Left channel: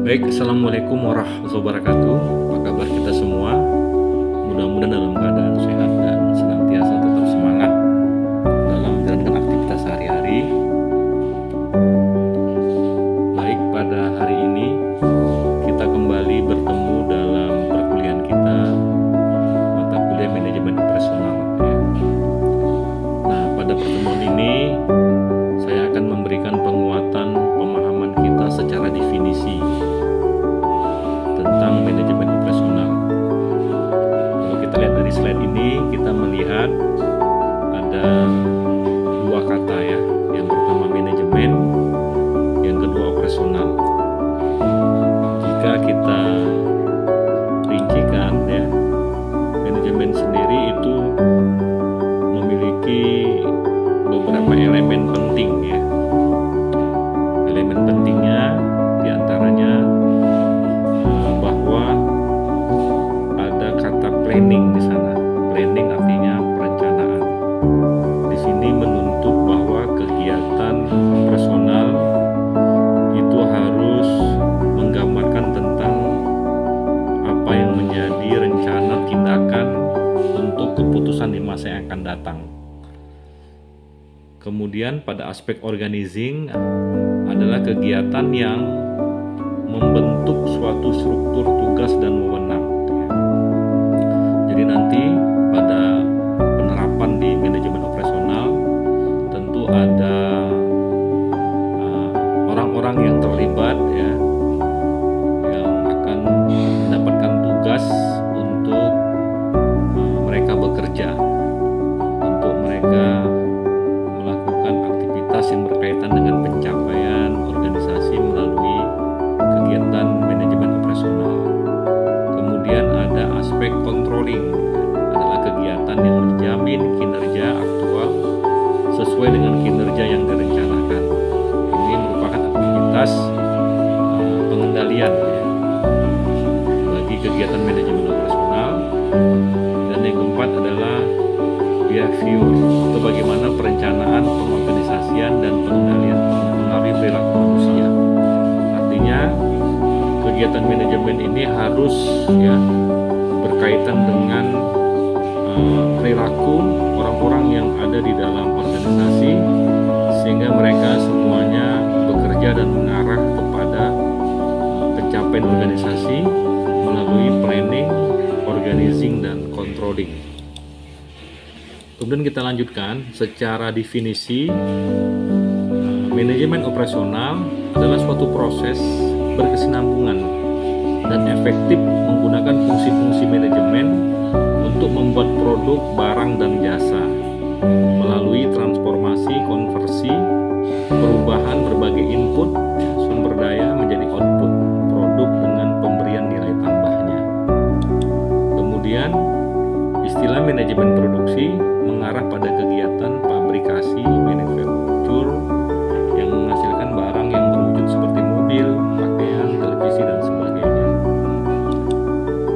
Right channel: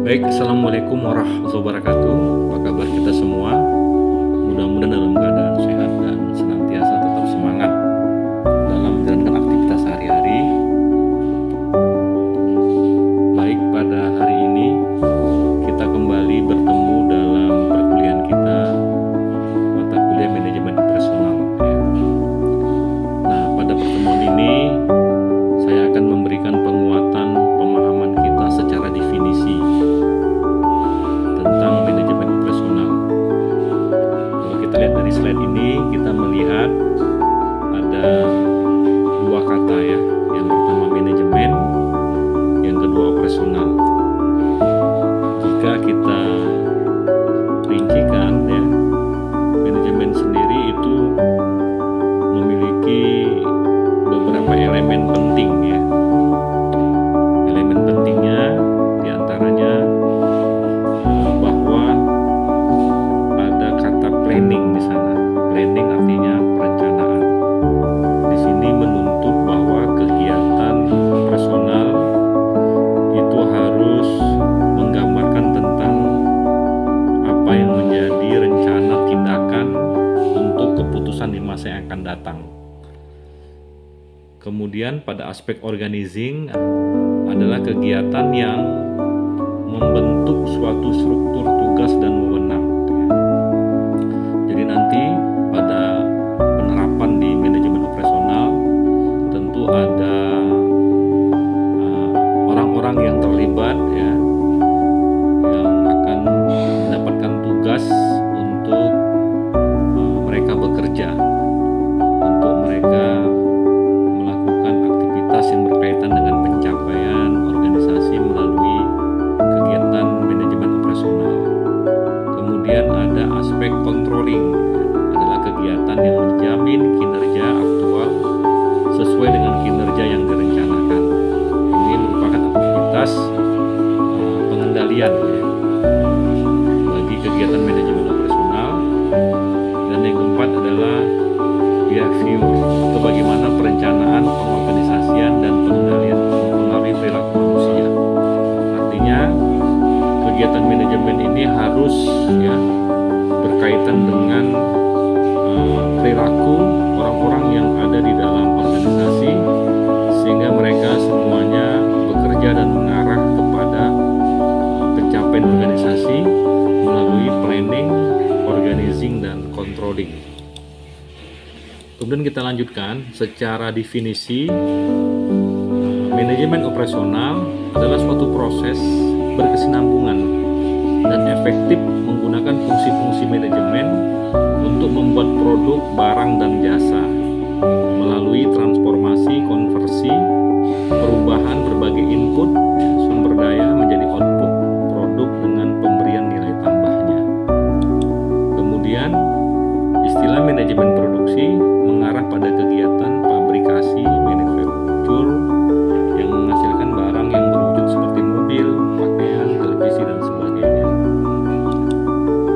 Baik, Assalamualaikum warahmatullahi wabarakatuh. Apa kabar kita semua? Mudah-mudahan dalam keadaan sehat dan senantiasa tetap semangat dalam menjalankan aktivitas sehari-hari. Baik, pada hari ini kita kembali bertemu dalam perkuliahan kita, mata kuliah manajemen operasional. Nah, pada pertemuan ini saya akan memberikan penguatan pemahaman kita secara definisi tentang manajemen operasional. Kalau kita lihat dari slide ini, kita melihat ada dua kata ya. Yang pertama manajemen, yang kedua operasional. Jika kita rincikan ya, manajemen sendiri itu memiliki beberapa elemen penting ya. Elemen pentingnya diantaranya bahwa ada kata planning di sana. Planning artinya perencanaan. Di sini menuntut bahwa kegiatan personal itu harus menggambarkan tentang apa yang menjadi rencana tindakan untuk keputusan di masa yang akan datang. Kemudian pada aspek organizing adalah kegiatan yang membentuk suatu struktur tugas dan wewenang. Jadi nanti pada penerapan di manajemen operasional tentu ada orang-orang yang terlibat ya, yang akan mendapatkan tugas untuk mereka bekerja, untuk mereka melakukan aktivitas yang berkaitan dengan pencapaian organisasi melalui kegiatan manajemen operasional. Kemudian ada aspek controlling, adalah kegiatan yang menjamin kinerja aktual sesuai dengan kinerja yang direncanakan. Ini merupakan aktivitas pengendalian ya, bagi kegiatan manajemen operasional. Dan yang keempat adalah behavior, atau bagaimana perencanaan, pengorganisasian, dan pengendalian mempengaruhi perilaku manusia. Artinya kegiatan manajemen ini harus ya berkaitan dengan perilaku orang-orang yang ada di dalam organisasi, sehingga mereka semuanya bekerja dan mengarah kepada pencapaian organisasi melalui planning, organizing, dan controlling. Kemudian kita lanjutkan secara definisi. Manajemen operasional adalah suatu proses berkesinambungan dan efektif menggunakan fungsi-fungsi manajemen untuk membuat produk, barang, dan jasa melalui transformasi, konversi, perubahan berbagai input sumber daya menjadi output produk dengan pemberian nilai tambahnya. Kemudian istilah manajemen produksi mengarah pada kegiatan fabrikasi, manufacture yang menghasilkan barang yang berwujud seperti mobil, pakaian, televisi, dan sebagainya.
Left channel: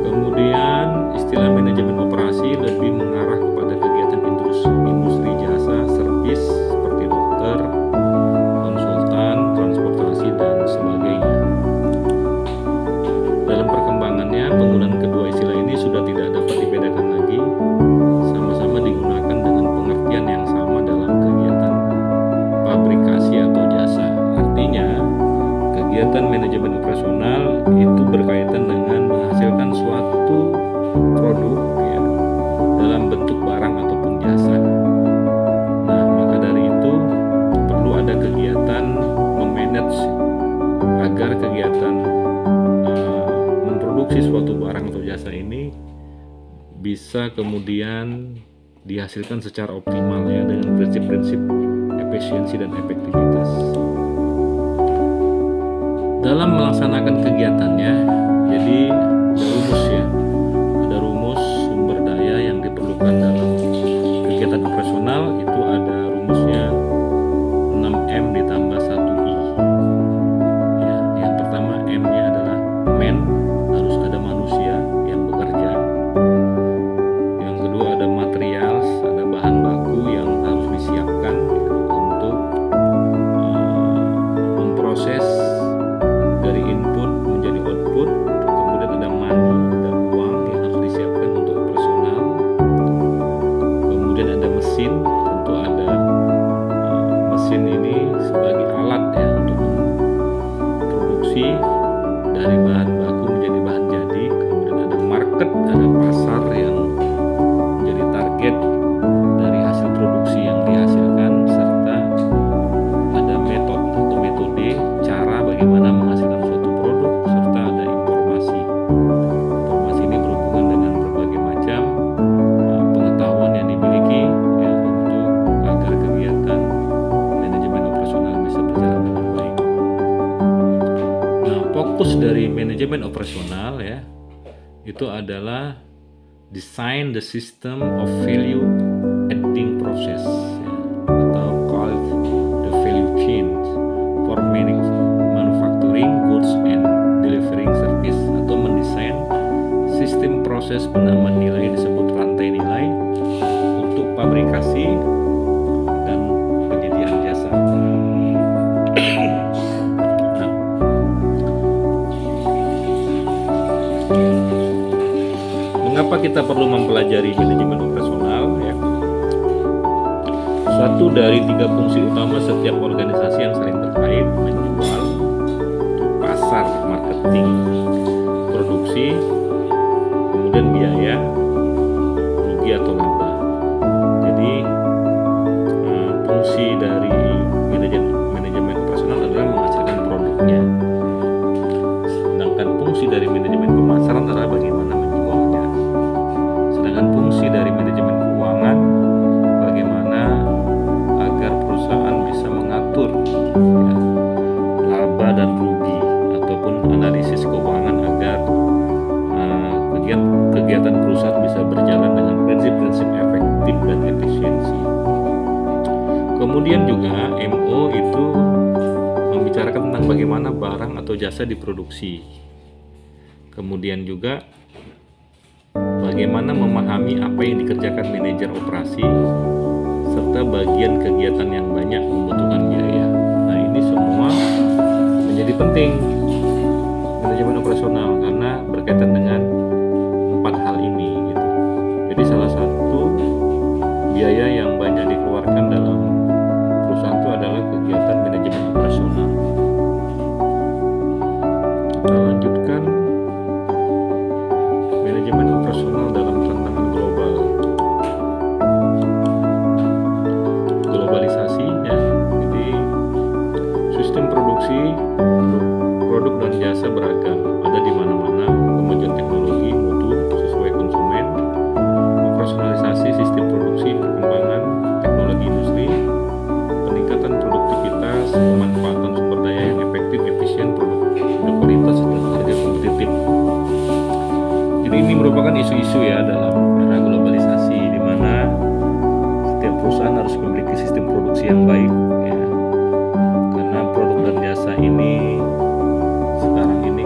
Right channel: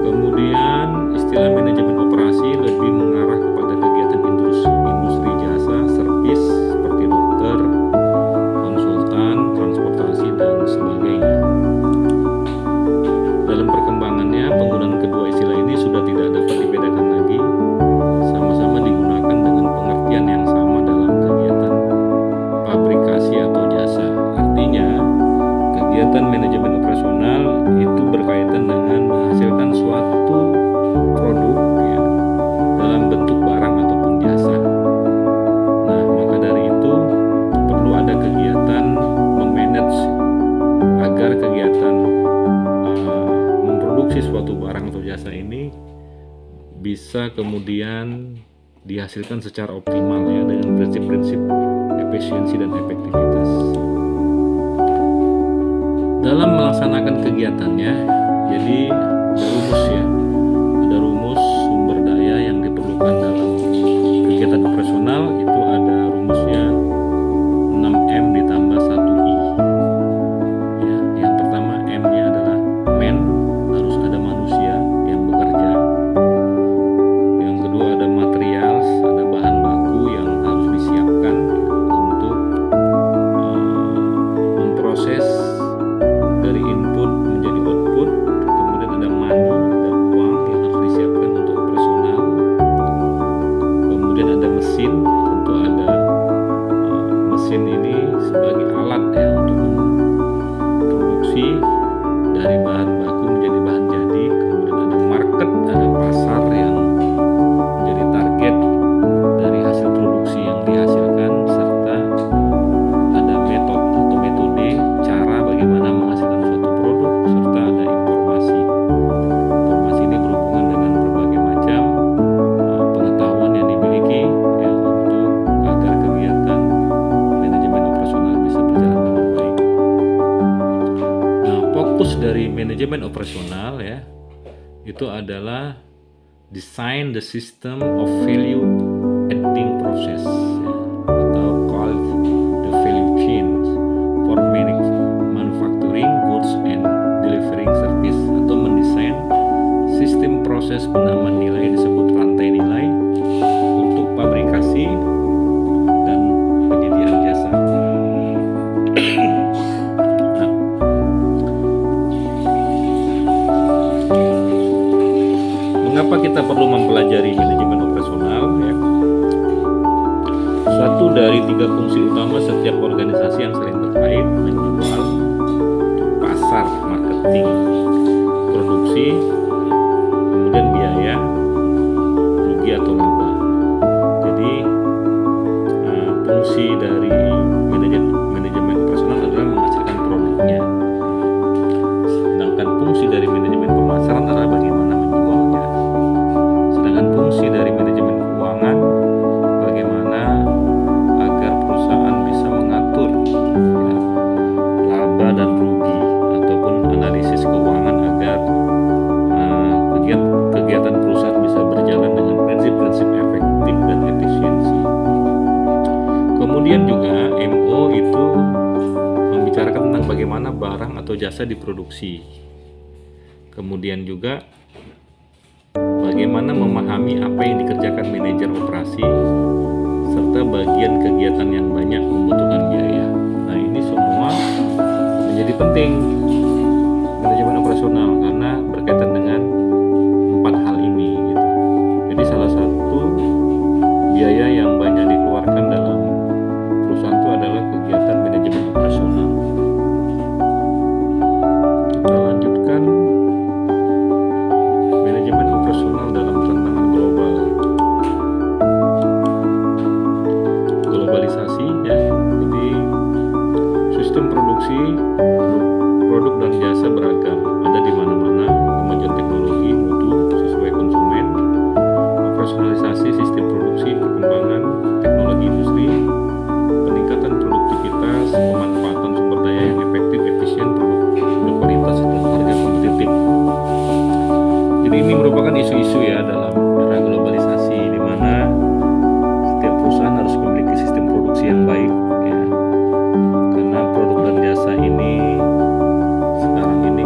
Kemudian istilah manajemen operasi lebih mengarah kepada kegiatan industri jasa, servis seperti dokter, konsultan, transportasi, dan sebagainya. Dalam perkembangannya, penggunaan kedua istilah ini sudah tidak dapat dibedakan lagi, sama-sama digunakan dengan pengertian yang sama dalam kegiatan fabrikasi atau jasa. Artinya, kegiatan manajemen operasional itu berkaitan dengan menghasilkan suatu produk ya, dalam bentuk barang ataupun jasa. Nah, maka dari itu perlu ada kegiatan memanage agar kegiatan memproduksi suatu barang atau jasa ini bisa kemudian dihasilkan secara optimal ya, dengan prinsip-prinsip efisiensi dan efektivitas. Dalam melaksanakan kegiatannya, jadi ada rumus ya, ada rumus sumber daya yang diperlukan dalam kegiatan operasional. Itu ada rumusnya 6M ditambah 1I ya. Yang pertama M-nya adalah man, harus ada manusia yang bekerja. Yang kedua ada materials, ada bahan baku yang harus disiapkan untuk memproses dari input input menjadi output, kemudian ada money, ada uang yang harus disiapkan untuk operasional, kemudian ada mesin, tentu ada mesin ini sebagai alat ya untuk memproduksi dari bahan baku menjadi bahan jadi, kemudian ada market, ada pasar yang menjadi target dari hasil produksi yang dihasilkan, serta ada metode cara bagaimana menghasilkan suatu produk, serta ada informasi ini berhubungan dengan berbagai macam pengetahuan yang dimiliki ya untuk agar kegiatan manajemen operasional bisa berjalan dengan baik. Nah, fokus dari manajemen operasional ya itu adalah design the system of value adding process ya, atau called the value chain for manufacturing goods and delivering service, atau mendesain sistem proses penambahan nilai disebut rantai nilai untuk pabrikasi dan penyediaan jasa. Nah, mengapa kita perlu mempelajari manajemen operasional ya? Satu dari 3 fungsi utama setiap organisasi yang saling terkait: menjual, pasar, marketing, produksi, kemudian biaya, rugi atau laba. Jadi fungsi dari manajemen operasional adalah menghasilkan produknya, sedangkan fungsi dari manajemen pemasaran adalah bagaimana menjualnya, sedangkan fungsi dari manajemen keuangan bagaimana agar perusahaan bisa mengatur ya, laba dan rugi ataupun analisis keuangan agar kegiatan perusahaan bisa berjalan dengan prinsip-prinsip efektif dan efisiensi. Kemudian juga MO itu membicarakan tentang bagaimana barang atau jasa diproduksi. Kemudian juga bagaimana memahami apa yang dikerjakan manajer operasi, serta bagian kegiatan yang banyak membutuhkan biaya. Nah, ini semua menjadi penting manajemen operasional karena berkaitan dengan 4 hal ini gitu. Jadi salah satu biaya yang banyak dikeluarkan dalam perusahaan itu adalah kegiatan manajemen operasional. Kita lanjutkan manajemen operasional dalam tantangan globalisasi ya. Jadi sistem produksi produk dan jasa beragam, ada di mana-mana, kemajuan teknologi mutu sesuai konsumen, operasionalisasi sistem produksi, perkembangan teknologi industri, peningkatan produktivitas, pemanfaatan sumber daya yang efektif, efisien, produk berkualitas dan harga kompetitif. Jadi ini merupakan isu-isu ya dalam era globalisasi di mana setiap perusahaan harus memiliki sistem produksi yang baik ya. Karena produk dan jasa ini sekarang ini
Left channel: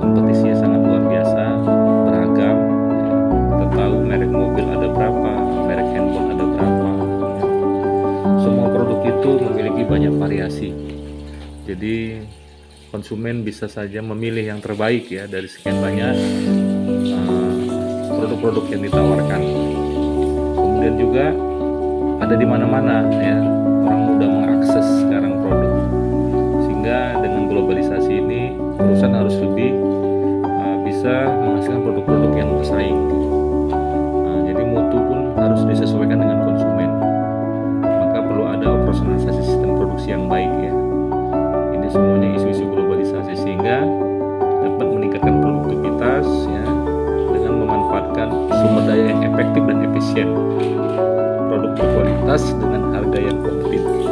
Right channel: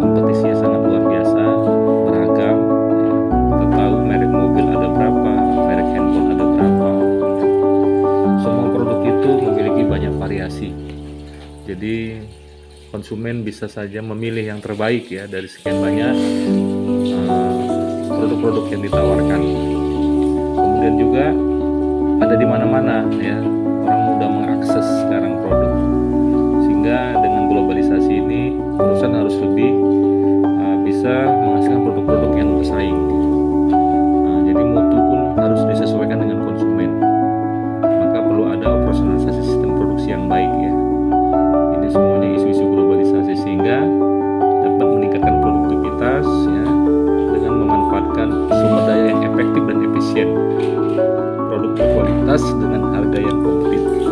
kompetisinya sangat luar biasa, beragam ya. Kita tahu merek mobil ada berapa, merek handphone ada berapa ya. Semua produk itu memiliki banyak variasi, jadi konsumen bisa saja memilih yang terbaik ya dari sekian banyak produk-produk yang ditawarkan. Kemudian juga ada di mana-mana ya, orang mudah mengakses sekarang produk, sehingga dengan globalisasi ini perusahaan harus lebih bisa menghasilkan produk-produk yang bersaing. Jadi mutu pun harus disesuaikan dengan konsumen, maka perlu ada operasionalisasi sistem produksi yang baik ya. Ini semuanya isu-isu globalisasi sehingga dapat meningkatkan produktivitas ya, dengan memanfaatkan sumber daya yang efektif dan efisien, produk berkualitas dengan harga yang kompetitif.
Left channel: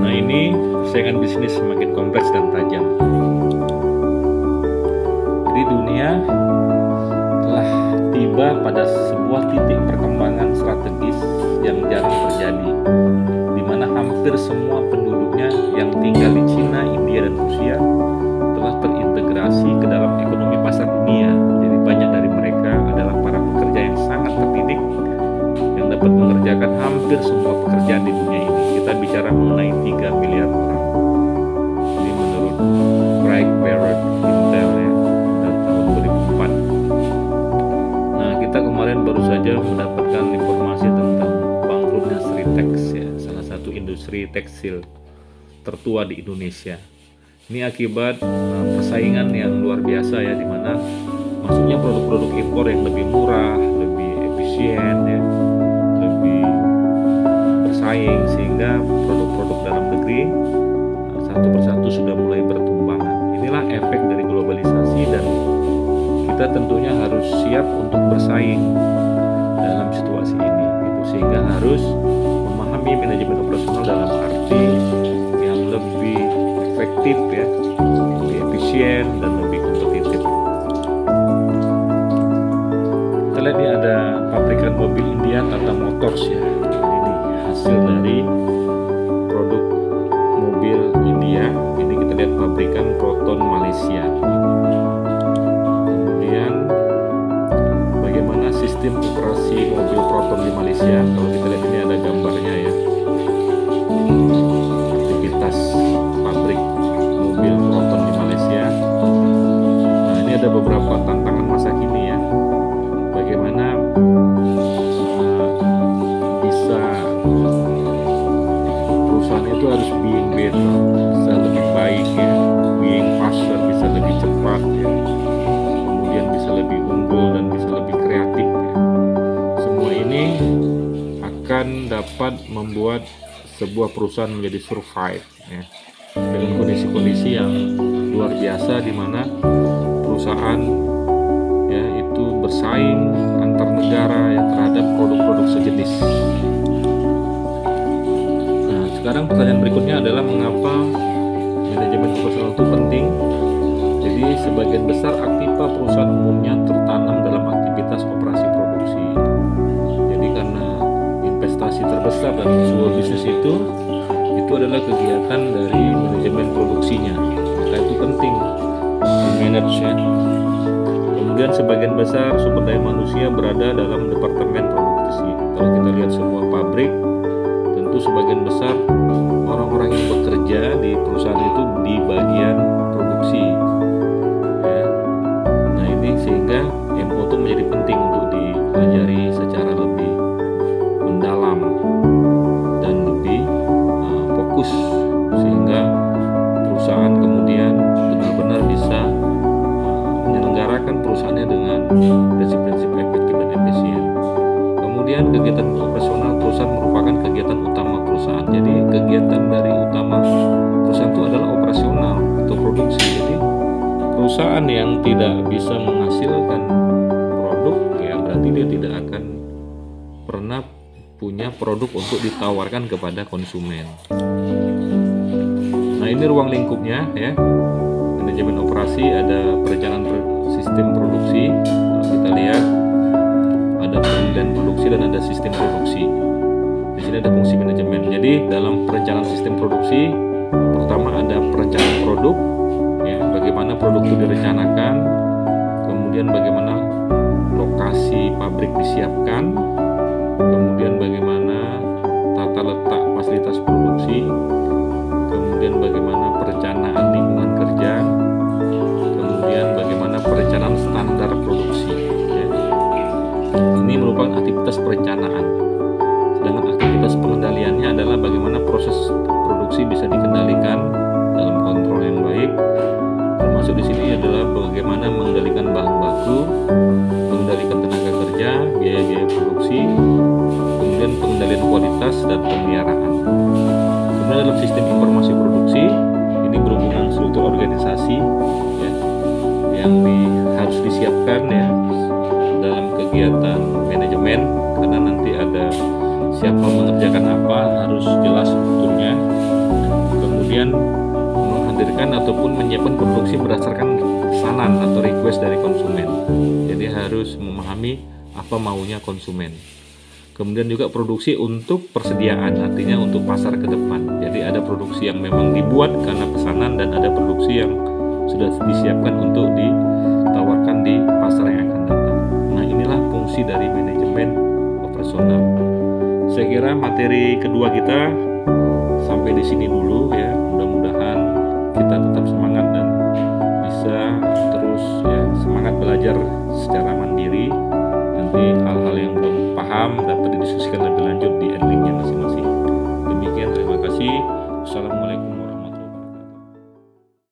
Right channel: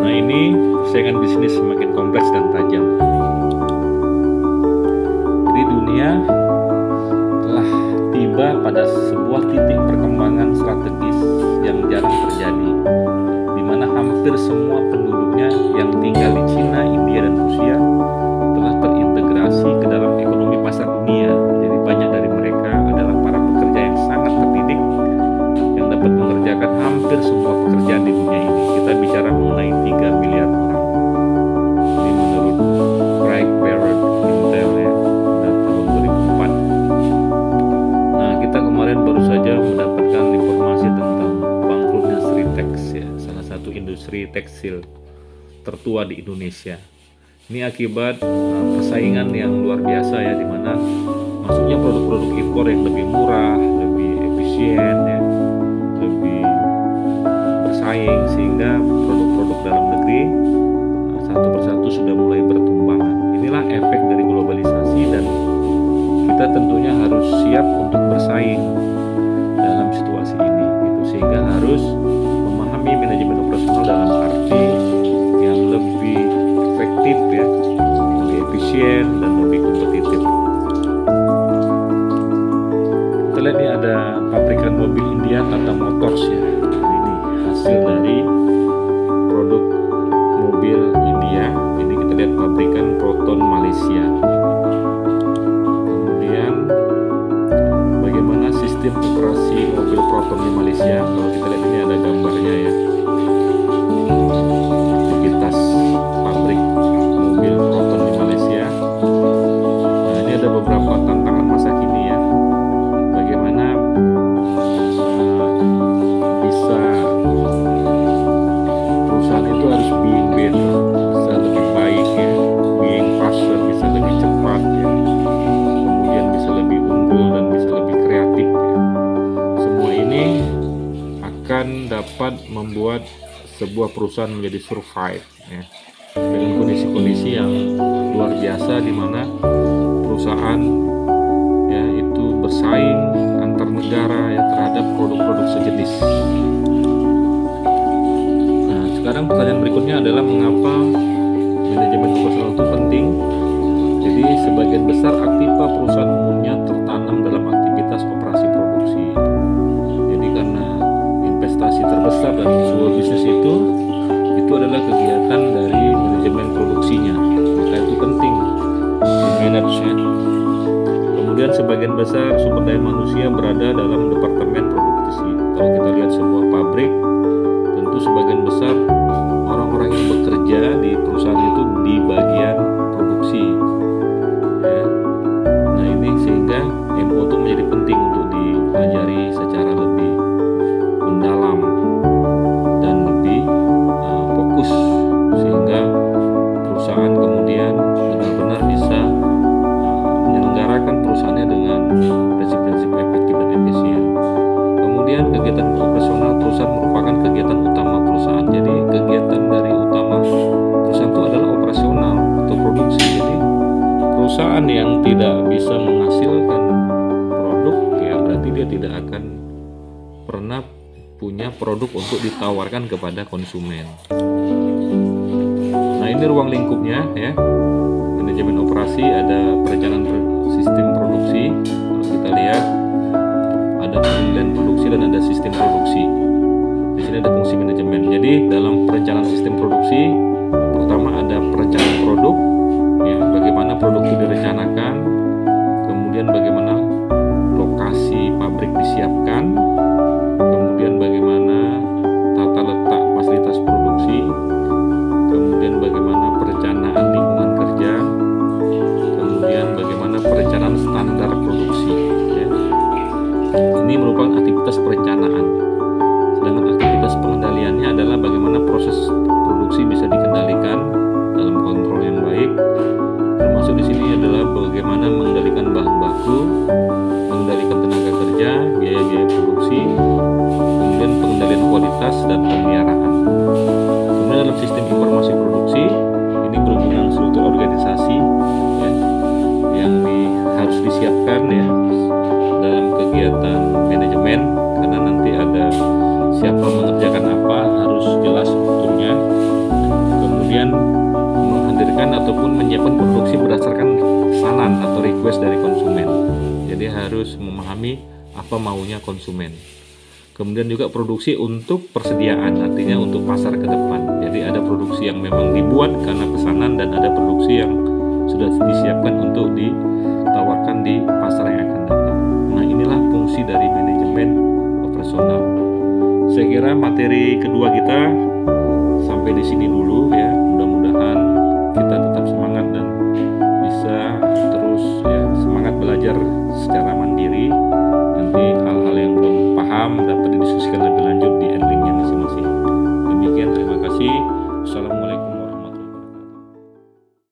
Nah, ini persaingan bisnis semakin kompleks dan tajam. Jadi dunia telah tiba pada sebuah titik perkembangan strategis yang jarang terjadi, di mana hampir semua penduduknya yang tinggal di Cina, India, dan Rusia telah terintegrasi ke dalam ekonomi pasar dunia. Jadi banyak dari mereka adalah para pekerja yang sangat terdidik yang dapat mengerjakan hampir semua pekerjaan di dunia ini. Kita bicara mengenai 3 miliar orang. Ini menurut Craig Barrett Intel ya, tahun 2004. Nah, kita kemarin baru saja mendapatkan informasi tentang bangkrutnya Sritex ya, salah satu industri tekstil tertua di Indonesia. Ini akibat persaingan yang luar biasa ya, dimana masuknya produk-produk impor yang lebih murah, lebih efisien ya, lebih bersaing, sehingga produk-produk dalam negeri satu persatu sudah mulai bertumbangan. Inilah efek dari globalisasi, dan kita tentunya harus siap untuk bersaing dalam situasi ini gitu, sehingga harus memahami manajemen operasional dalam arti yang lebih efektif ya, lebih efisien dan lebih kompetitif. Kita lihat nih, ada pabrikan mobil India Tata Motors ya. Ini hasil dari produk mobil India. Ini kita lihat pabrikan Proton Malaysia. Kemudian bagaimana sistem operasi mobil Proton di Malaysia? Kalau kita lihat ini ada gambarnya ya. Aktivitas pabrik mobil Proton di Malaysia. Nah, ini ada beberapa tantangan masa kini ya. Bagaimana bisa perusahaan itu harus being better, bisa lebih baik ya, being faster, bisa lebih cepat ya, kemudian bisa lebih unggul dan bisa lebih kreatif ya. Semua ini akan dapat membuat sebuah perusahaan menjadi survive ya, dengan kondisi-kondisi yang luar biasa, di mana perusahaan ya itu bersaing antar negara ya terhadap produk-produk sejenis. Nah, sekarang pertanyaan berikutnya adalah mengapa manajemen operasional itu penting. Jadi sebagian besar aktiva perusahaan umumnya tertanam dalam aktivitas operasi produksi. Jadi karena investasi terbesar dalam sebuah bisnis itu adalah kegiatan dari manajemen produksinya, maka itu penting di manage ya. Kemudian sebagian besar sumber daya manusia berada dalam departemen produksi. Kalau kita lihat sebuah pabrik, tentu sebagian besar orang-orang yang bekerja di perusahaan itu di bagian produksi ya. Nah, ini sehingga MO itu menjadi penting untuk dipelajari secara lebih mendalam dan lebih fokus, sehingga perusahaan kemudian benar-benar bisa menyelenggarakan perusahaannya dengan prinsip-prinsip efektif dan efisien. Kemudian kegiatan operasional perusahaan merupakan kegiatan utama perusahaan. Jadi kegiatan dari utama perusahaan itu adalah operasional atau produksi. Jadi perusahaan yang tidak bisa menghasilkan produk ya berarti dia tidak akan pernah punya produk untuk ditawarkan kepada konsumen. Nah, ini ruang lingkupnya ya. Manajemen operasi, ada perencanaan sistem produksi. Kalau kita lihat ada penilaian produksi dan ada sistem produksi. Di sini ada fungsi manajemen. Jadi dalam perencanaan sistem produksi, pertama ada perencanaan produk, ya, bagaimana produk itu direncanakan, kemudian bagaimana lokasi pabrik disiapkan, kemudian bagaimana tata letak fasilitas produksi, kemudian bagaimana perencanaan lingkungan kerja, kemudian bagaimana perencanaan standar produksi ya. Ini merupakan aktivitas perencanaan. Sedangkan aktivitas pengendaliannya adalah bagaimana proses produksi bisa dikendalikan dalam kontrol yang baik. Termasuk di sini adalah bagaimana mengendalikan bahan baku, mengendalikan tenaga kerja, biaya-biaya produksi, kemudian pengendalian kualitas dan pemeliharaan. Kemudian dalam sistem informasi produksi, ini berhubungan struktur organisasi ya, yang harus disiapkan ya dalam kegiatan manajemen, karena nanti ada siapa mengerjakan apa, harus jelas strukturnya. Kemudian menghadirkan ataupun menyiapkan produksi berdasarkan pesanan atau request dari konsumen. Jadi harus memahami apa maunya konsumen. Kemudian juga produksi untuk persediaan, artinya untuk pasar ke depan. Jadi ada produksi yang memang dibuat karena pesanan, dan ada produksi yang sudah disiapkan untuk ditawarkan di pasar yang akan datang. Nah, inilah fungsi dari manajemen operasional. Saya kira materi kedua kita sampai di sini dulu ya. Mudah-mudahan kita tetap semangat dan belajar secara mandiri. Nanti hal-hal yang belum paham dapat didiskusikan lebih lanjut di endingnya masing-masing. Demikian, terima kasih.